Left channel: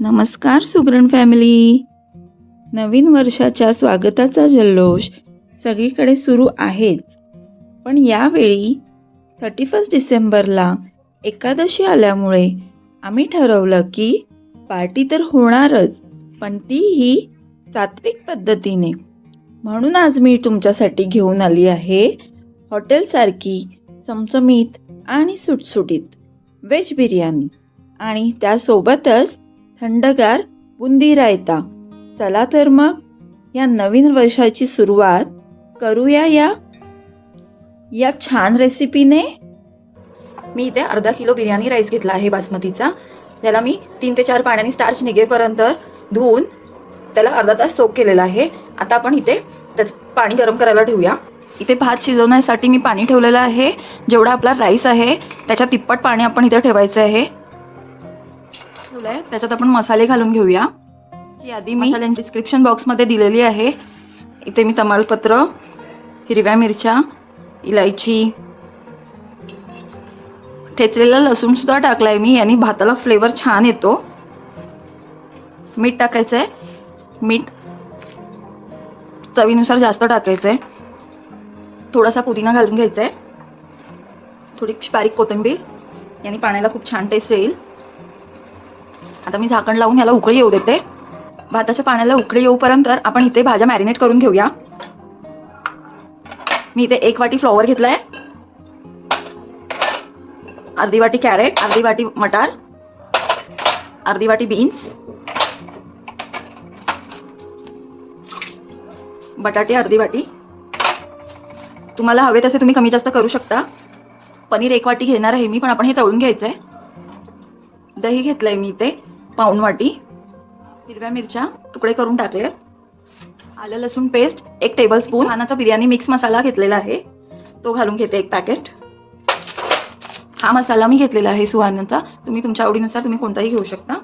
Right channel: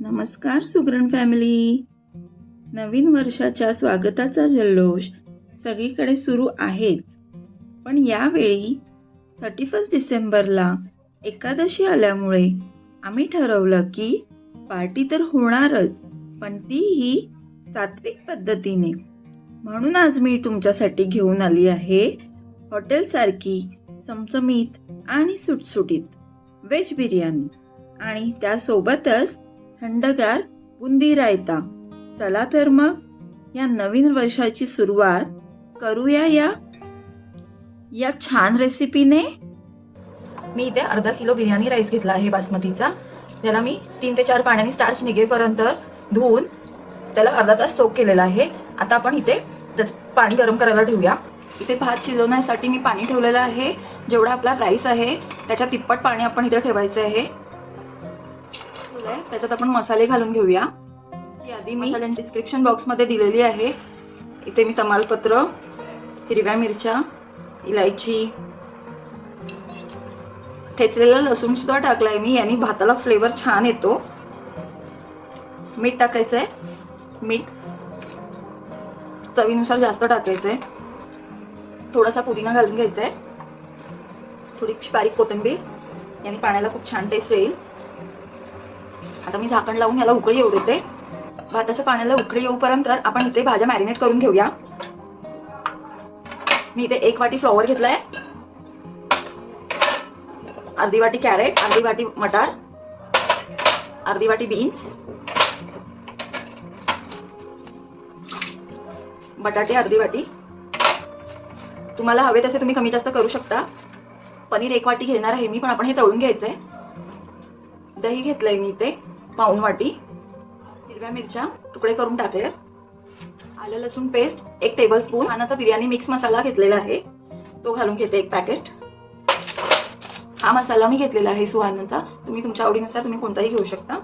नमस्कार सुगरण फॅमिली. नवीन वर्षाच्या स्वागताचा जल्लोष सगळीकडे सुरू आहेच, पण यावेळी 31 डिसेंबरला एकादशी आल्यामुळे आम्ही ठरवलं की पार्टी तर होणारच, पण तीही सात्विक पद्धतीने. म्हणून आज मी तुमच्यासाठी घेऊन आली आहे हॉटेलसारखी चमचमीत आणि सुटसुटीत व्हेज बिर्याणी आणि त्यासोबतच थंडगार बुंदी रायता. चला तर मग या नवीन वर्षाची सुरुवात करूया या छान रेसिपीने. मी इथे अर्धा किलो बिर्याणी राईस घेतला आहे बासमतीचा. त्याला मी 3 ते 4 पाण्याने स्टार्च निघेपर्यंत धुवून त्याला अर्धा तास सोक केलेला आहे. आता आपण इथे पाणी गरम करायला ठेवूया. इथे भात शिजवण्यासाठी मी पाणी ठेवलेलं आहे. जेवढा आपला राईस आहे त्याच्या तिप्पट पाणी आपण इथे ठेवायचं आहे. त्याच्यात आपण मसाले घालून घेऊया. यादी मी डिस्क्रिप्शन बॉक्समध्ये दिलेली आहे. इथे मी तमालपत्र, हिरव्या मिरच्या, इलायची, ठेचलेला लसूण सुद्धा टाकलाय मी. यानी भाताला फ्लेवर छान येतो. मीठ टाकायचंय. मीठ चवीनुसार जास्त टाकायचंय. थोडासा पुदिना घालून घ्यायचाय. थोडी बारीक कोथिंबीर. यानी पाण्याला खूप छान टेस्ट येईल. आता मी झाकण लावून याला उकळी येऊ देते. भाताच्या पाण्याला उकळी येऊपर्यंत आपण इथे भाज्या मॅरिनेट करून घेऊया. मी इथे 1 वाटी फ्लॉवर घेतलाय, अर्धी वाटी कॅरेट, अर्धी वाटी मटार, अर्धी वाटी बीन्स, बटाटे अर्धी वाटी. तुम्हाला हवे तसे तुम्ही कमी जास्त करू शकता. पनीर 1 वाटी घेणार आहे मी, पण आपण हे तळून घ्यायचंय. दही घेतलंय मी इथे पाऊण वाटी. हिरव्या मिरच्या तुकडे करून टाकले. आलं लसूण पेस्ट 1 टेबलस्पून. सुहानाचा बिर्याणी मिक्स मसाला घेतलेला आहे, तो घालून घेते 1 पॅकेट. हा मसाला मी घेतलेला आहे सुहानाचा. तुम्ही तुमच्या आवडीनुसार तुम्ही कोणताही घेऊ शकता.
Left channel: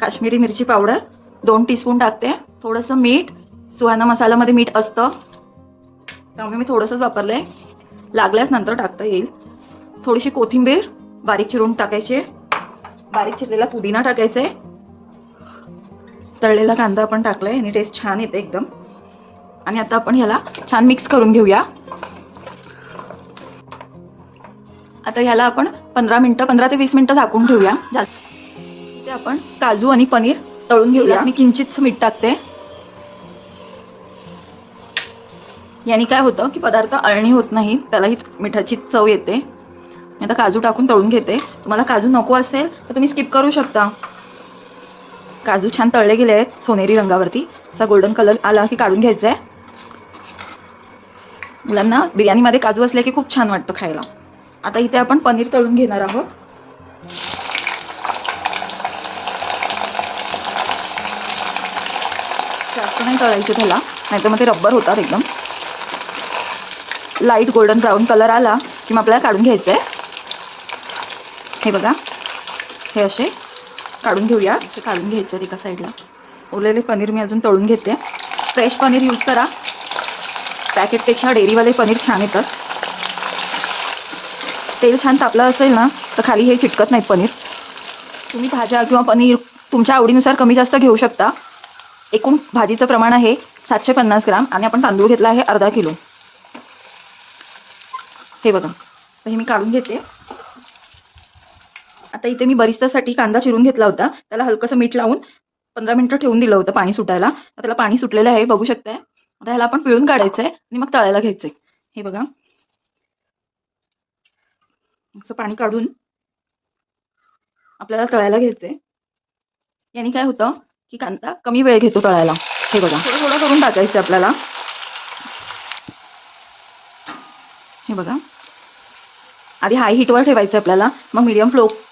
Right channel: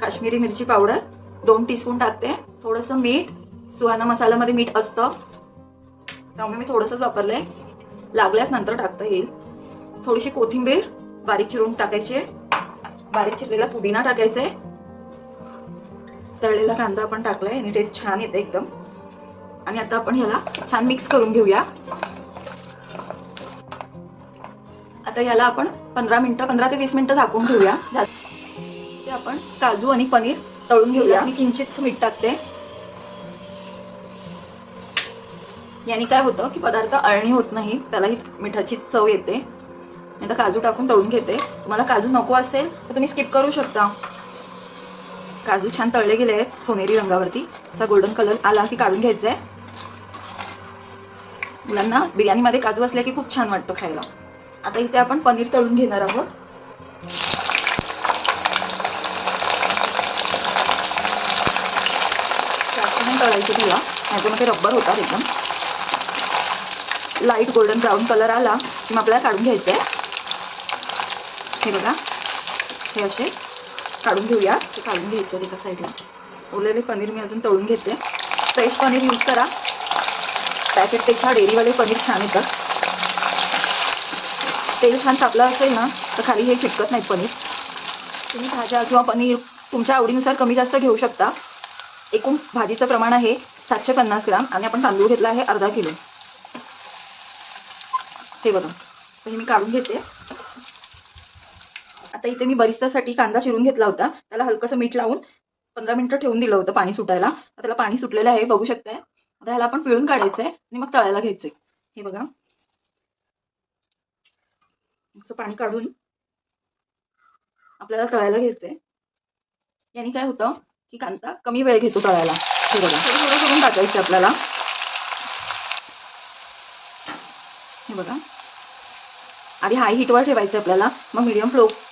काश्मीरी मिरची पावडर 2 टीस्पून टाकते. थोडंसं मीठ. सुहाना मसाल्यामध्ये मीठ असतं त्यामुळे मी थोडंसंच वापरलंय. लागल्यास नंतर टाकता येईल. थोडीशी कोथिंबीर बारीक चिरून टाकायची. बारीक चिरलेला पुदिना टाकायचाय. तळलेला कांदा आपण टाकलाय आणि टेस्ट छान येते एकदम. आणि आता आपण ह्याला छान मिक्स करून घेऊया. आता ह्याला आपण 15 ते 20 मिनिटं झाकून ठेवूया. ते आपण काजू आणि पनीर तळून घेऊया. मी किंचित मीठ टाकते. याने काय होतं की पदार्थ अळणी होत नाही, त्यालाही मिठाची चव येते. मी आता काजू टाकून तळून घेते. तुम्हाला काजू नको असेल तर तुम्ही स्किप करू शकता. काजू छान तळले गेले आहेत सोनेरी रंगावरती. असा गोल्डन कलर आला की काढून घ्यायचा आहे. मुलांना बिर्याणीमध्ये काजू असले की खूप छान वाटतं खायला. आता इथे आपण पनीर तळून घेणार आहोत. जास्त नाही तळायचं त्याला, नाहीतर मग ते रब्बर होतात एकदम. लाईट गोल्डन ब्राऊन कलर आला की मग आपल्याला काढून घ्यायचं आहे. हे बघा, हे असे काढून घेऊया. असे काढून घ्यायचे एका साईडला. उरलेले पनीर मी अजून तळून घेते. फ्रेश पनीर यूज करा. पॅकेटपेक्षा डेअरीवाले पनीर छान येतात. तेल छान तापलं असेल ना तर खाली हे चिटकत नाहीत पनीर. तुम्ही भाज्या किंवा पनीर तुमच्या आवडीनुसार कमी जास्त घेऊ शकता. एकूण भाजीचं प्रमाण आहे 750 ग्राम आणि आपण तांदूळ घेतला आहे अर्धा किलो. हे बघा, तर हे मी काढून घेते. आता इथे मी बरिस्तासाठी कांदा चिरून घेतला होता. त्याला हलकंसं मीठ लावून 15 मिनिटं ठेवून दिलं होतं पाणी सुटायला. त्याला पाणी सुटलेलं आहे, बघू शकताय. आता ह्याला आपण पिळून काढायचं आहे आणि मग तळायला घ्यायचंय. हे बघा, असं पाणी काढून आपल्याला तळायला घ्यायचंय. याने काय होतं की कांदा कमी वेळ घेतो तळायला. हे बघा, थोडं करून टाकायचं आपल्याला. हे बघा, आधी हाय हीटवर ठेवायचं आपल्याला, मग मीडियम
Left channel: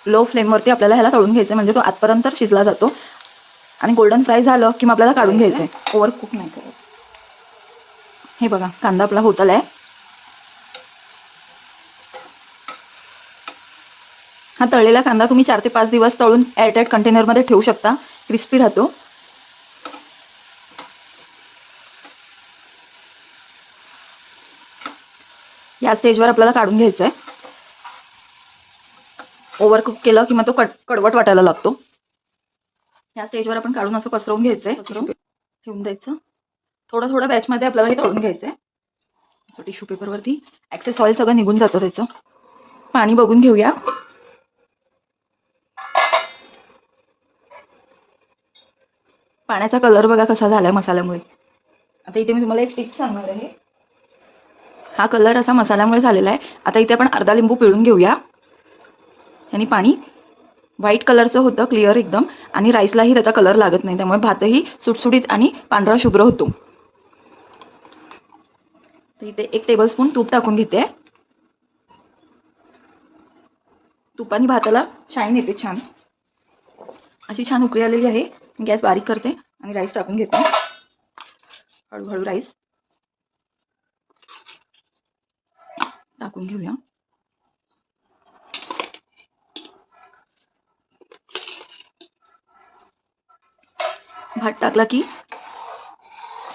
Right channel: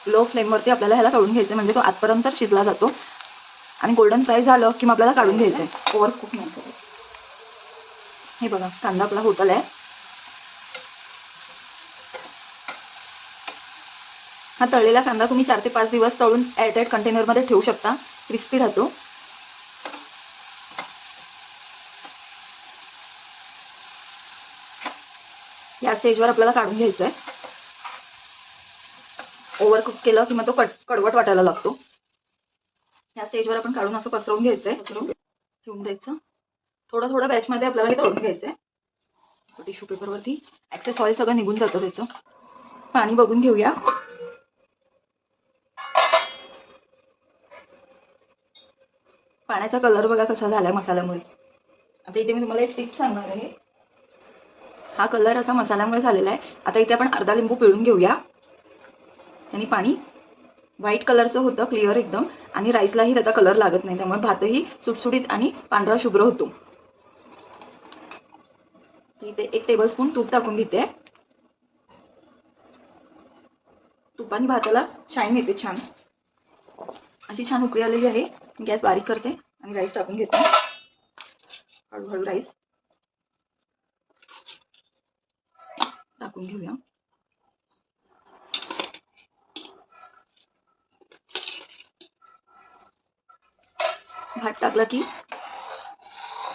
लो फ्लेमवरती आपल्याला ह्याला तळून घ्यायचं. म्हणजे तो आतपर्यंत शिजला जातो आणि गोल्डन फ्राय झालं की मग आपल्याला काढून घ्यायचंय. ओव्हर कुक नाही करायचं. हे बघा, कांदा आपला होत आलाय. हा तळलेला कांदा तुम्ही 4 ते 5 दिवस तळून एअरटाईट कंटेनरमध्ये ठेवू शकता. क्रिस्पी राहतो. या स्टेजवर आपल्याला काढून घ्यायचंय. ओव्हर कुक केलं की मग तो कडवट वाटायला लागतो. या स्टेजवर आपण काढून असं पसरवून घ्यायचंय, पसरवून ठेवून द्यायचं. थोडं थोडं बॅचमध्ये आपल्याला हे तळून घ्यायचंय. टिश्यू पेपरवरती एक्सेस ऑइल सगळं निघून जातं त्याचं. पाणी बघून घेऊया. पाण्याचा कलर बघा कसा झालाय मसाल्यामुळे. आता इथे मी तुम्हाला एक टिप सांगणार आहे. हा कलर असा मसाल्यामुळे झालेला आहे. आता इथे आपण अर्धा लिंबू पिळून घेऊया. आणि पाणी व्हाईट कलरचं होतं, क्लिअर एकदम, आणि राईसलाही त्याचा कलर लागत नाही, त्यामुळे भातही सुटसुटीत आणि पांढरा शुभ्र होतो. इथे 1 टेबलस्पून तूप टाकून घेते. तुपाने भाताला शाईन येते छान. अशी छान उकळी आलेली आहे. गॅस बारीक करते आणि राईस टाकून घेते. हळूहळू राईस टाकून घेऊया. भात टाकला की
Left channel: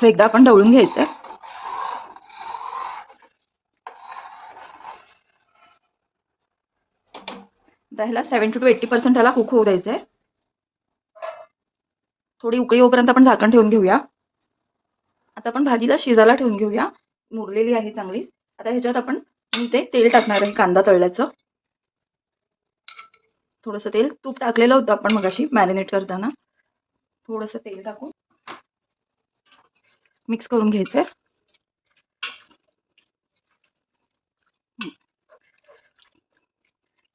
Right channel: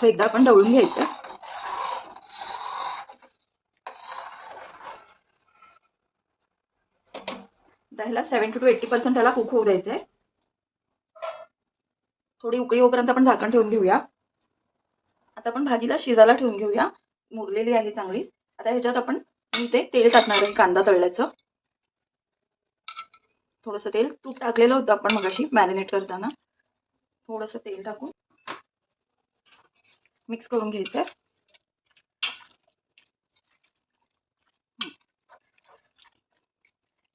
एकदा आपण ढवळून घ्यायचं. ह्याला 70 to 80% ह्याला कुक होऊ द्यायचंय. थोडी उकळी होईपर्यंत आपण झाकण ठेवून घेऊया. आता आपण भाजीला शिजायला ठेवून घेऊया. मुरलेली आहे चांगली. आता ह्याच्यात आपण इथे तेल टाकणार आहे कांदा तळल्याचं. थोडंसं तेल, तूप टाकलेलं होतं आपण मगाशी मॅरिनेट करताना. थोडंसं तेल टाकून मिक्स करून घ्यायचंय.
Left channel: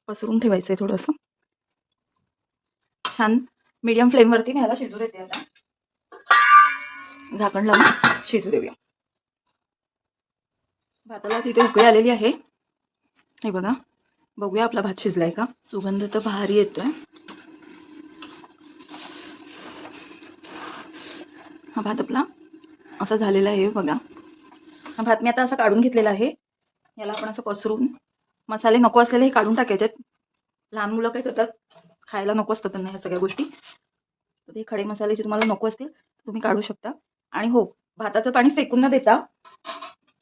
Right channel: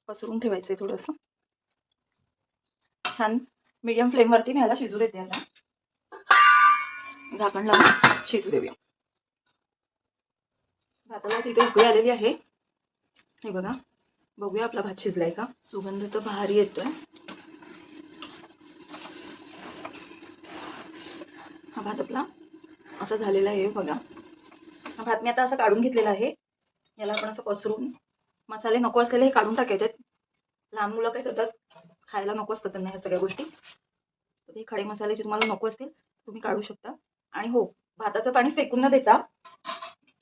पसरून ठेवायचंय थोडंसं. छान मीडियम फ्लेमवरती मी ह्याला शिजू देते. आता झाकण लावून शिजू देऊया. भाताला तिथे उकळी आलेली आहे. हे बघा, बघूया आपला भात शिजलाय का. सुगंध तर भारी येतोय. हा भात आपला असा झालेला आहे बघा. हा भात मी आता असं काढून घेतलेला आहे. याला आपण असं पसरून, मसाले नको असलेले हे काढून टाकायचे. लहान मुलं काय करतात, खायला नको असतं त्यांना ह्या सगळ्या गोष्टी. तर ते खडे मसाले जे तुम्हाला नको असतील तुम्ही काढू शकता. आणि हो, भाताचं पाणी फेकून न देता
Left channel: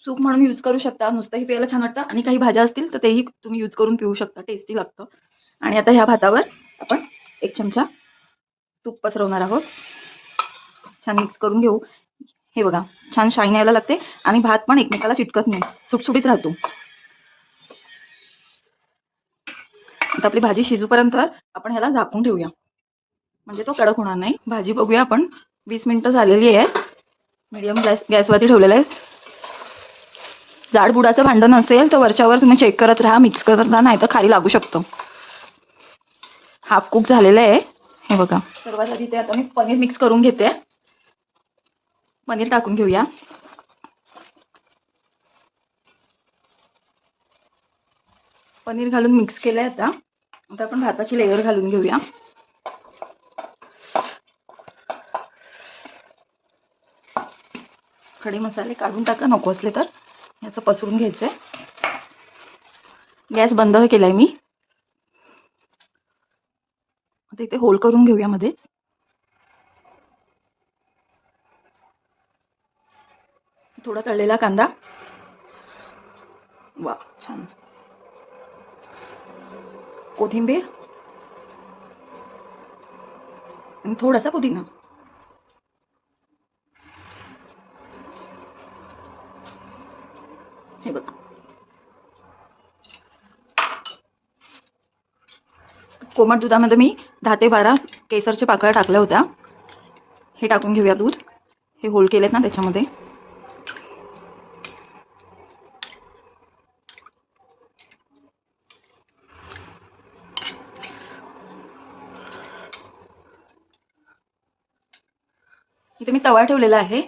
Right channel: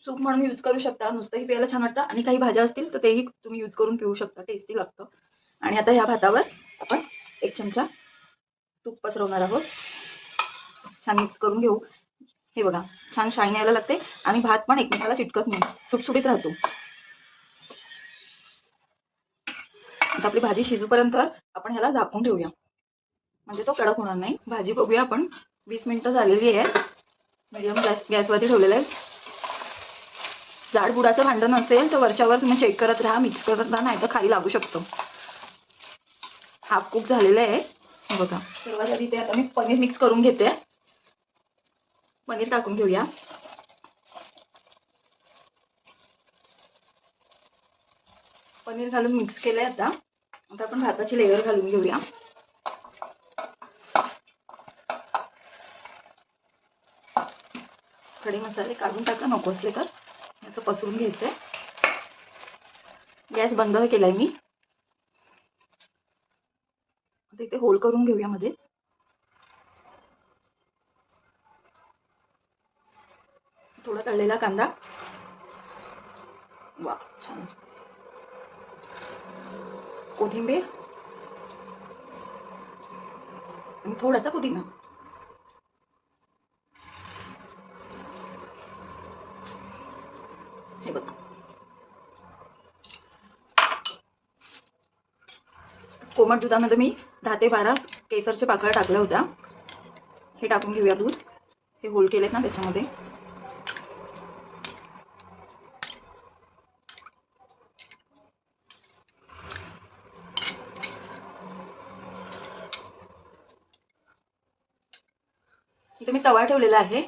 सूप म्हणून यूज करू शकता. नुसतंही प्यायला छान वाटतं. आणि काही भाज्या असतील तर तेही तुम्ही यूज करून पिऊ शकता. टेस्टी लागतं. आणि आता ह्या भातावर आपण 1 चमचा तूप पसरवणार आहोत. छान मिक्स करून घेऊ. हे बघा, छान शाईन यायला लागते आणि भात पण एकमेकाला चिटकत नाही, सुटसुटीत राहतो. आता आपली भाजी शिजूपर्यंत आपण ह्याला झाकून ठेवूया, म्हणजे तो कडक होणार नाही. भाजी बघूया आपण. 20 मिनिटं झालेली आहे. मीडियम गॅसवरती ठेवलेलं आहे. जाड बुडाचं भांडं नसेल तर वरच्यावर तुम्ही चेक करत राहा, मिक्स करत राहा, नाही तर खाली लागू शकतो. हाफ कुक झालेलं आहे. हे बघा. सर्वात आधी ते आता मी पनीर मिक्स करून घेते. पनीर टाकून घेऊया. पनीर घालून मिक्स केलंय. आता आपण भाताची लेयर घालून घेऊया. खडे मसाले काढून टाका नको असले तर. याचं पसरून घ्यायचंय. गॅस बंद केलाय मी. आता इथे होल करून घेऊया मध्येच. थोडा तळलेला कांदा. वा, छान. कोथिंबीर आणि थोडासा पुदिना. हे बघा. कोमट दुधामध्ये मी 10 ते 12 केसरच्या पाकळ्या टाकल्या होत्या. हे टाकून घेऊया दूध. हे होल केलेत ना त्याच्यामध्ये. इथे मी तवा ठेवलेला आहे.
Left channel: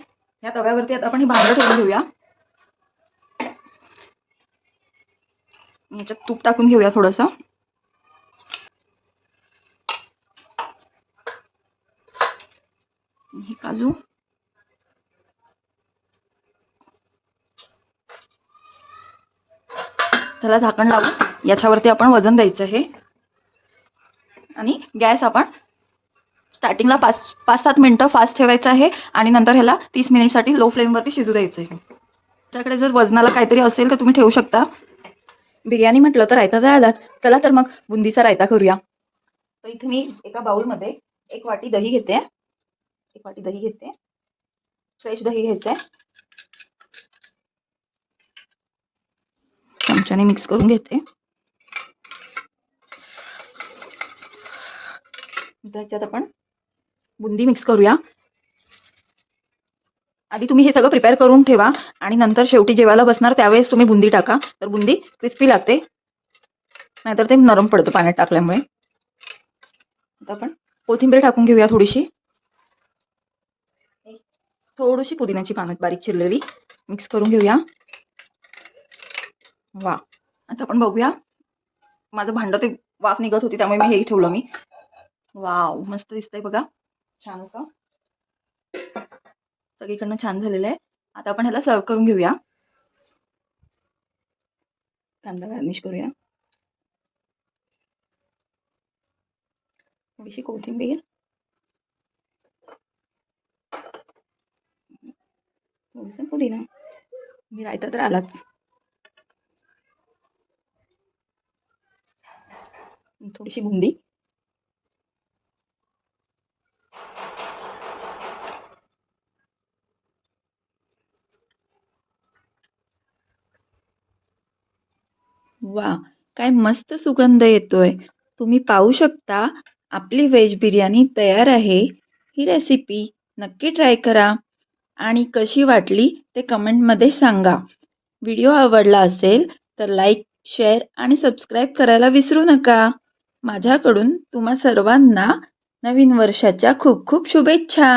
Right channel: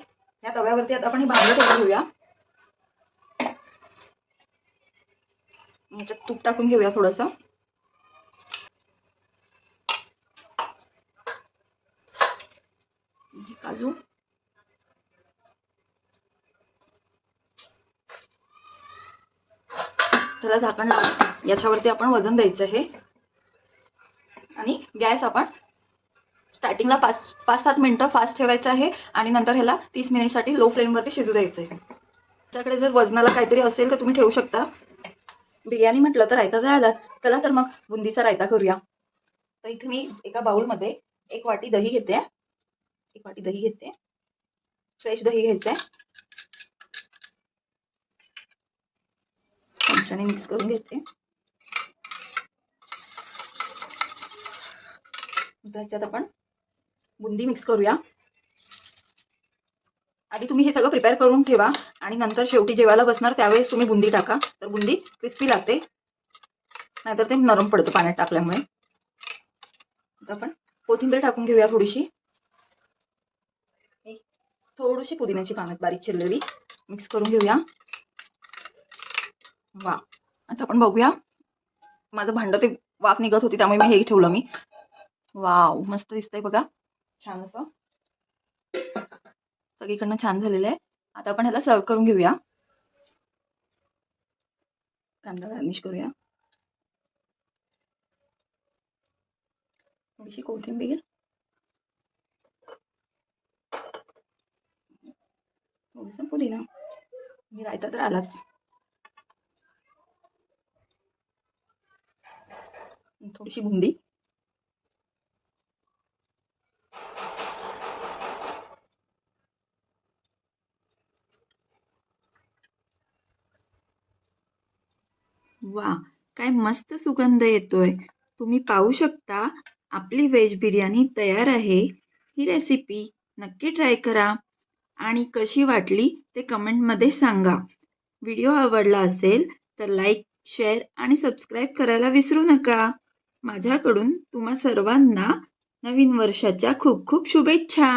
या तव्यावरती आता आपण ही भांडं ठेवून घेऊया. याच्यात तूप टाकून घेऊया थोडंसं. हे काजू. त्याला झाकण लावून याच्यावरती आपण वजन द्यायचं हे. आणि गॅस आपण स्टार्टिंगला 5-7 मिनिटं फास्ट ठेवायचं आहे आणि नंतर ह्याला 30 मिनिटसाठी लो फ्लेमवरती शिजू द्यायचं आहे. तुमच्याकडे जर वजनाला काहीतरी असेल तर तुम्ही ठेवू शकता. बिर्याणी म्हटलं तर रायता जायलाच, चला तर मग बुंदीचा रायता करूया. तर इथे मी एका बाउलमध्ये 1 वाटी दही घेते. 1 वाटी दही घेते. फ्रेश दही घ्यायचंय. चमच्याने मिक्स करून घेते. त्याच्यात आपण बुंदी मिक्स करूया. आधी तुम्ही हे सगळं प्रिपेअर करून ठेवा आणि नंतर शेवटी जेवायला बसणार त्यावेळेस तुम्ही बुंदी टाका. तर बुंदी क्रिस्पी लागते, नाहीतर ते नरम पडतं पाण्यात टाकल्यामुळे. आता आपण कोथिंबीर टाकून घेऊया थोडीशी. थोडीशी पुदिन्याची पानं बारीक चिरलेली मिक्स करून घेऊया. वा, आता आपण बघूया. माझं भांडं ते वाफ निघत होती त्यामुळे मी हे ठेवलं मी. वाव, मस्त दिसतंय बघा, छान असं सगळीकडनं छान झालेलं आहे. आता आपण ह्याला सर्व करून घेऊया. कांदा गार्निश करूया. थोडीशी कोथिंबीर, थोडंसं पुदिना, मी रायता तर आलाच. थोडीशी बुंदी. वा, काय मस्त सुगंध येतोय. तुम्ही पाहू शकता आपली व्हेज बिर्याणी तयार आहे. ही रेसिपी नक्की ट्राय करा आणि कशी वाटली ते कमेंटमध्ये सांगा. व्हिडिओ आवडला असेल तर लाईक, शेअर आणि सबस्क्राईब करायला विसरू नका. माझ्याकडून तुम्हा सर्वांना नवीन वर्षाच्या खूप खूप शुभेच्छा.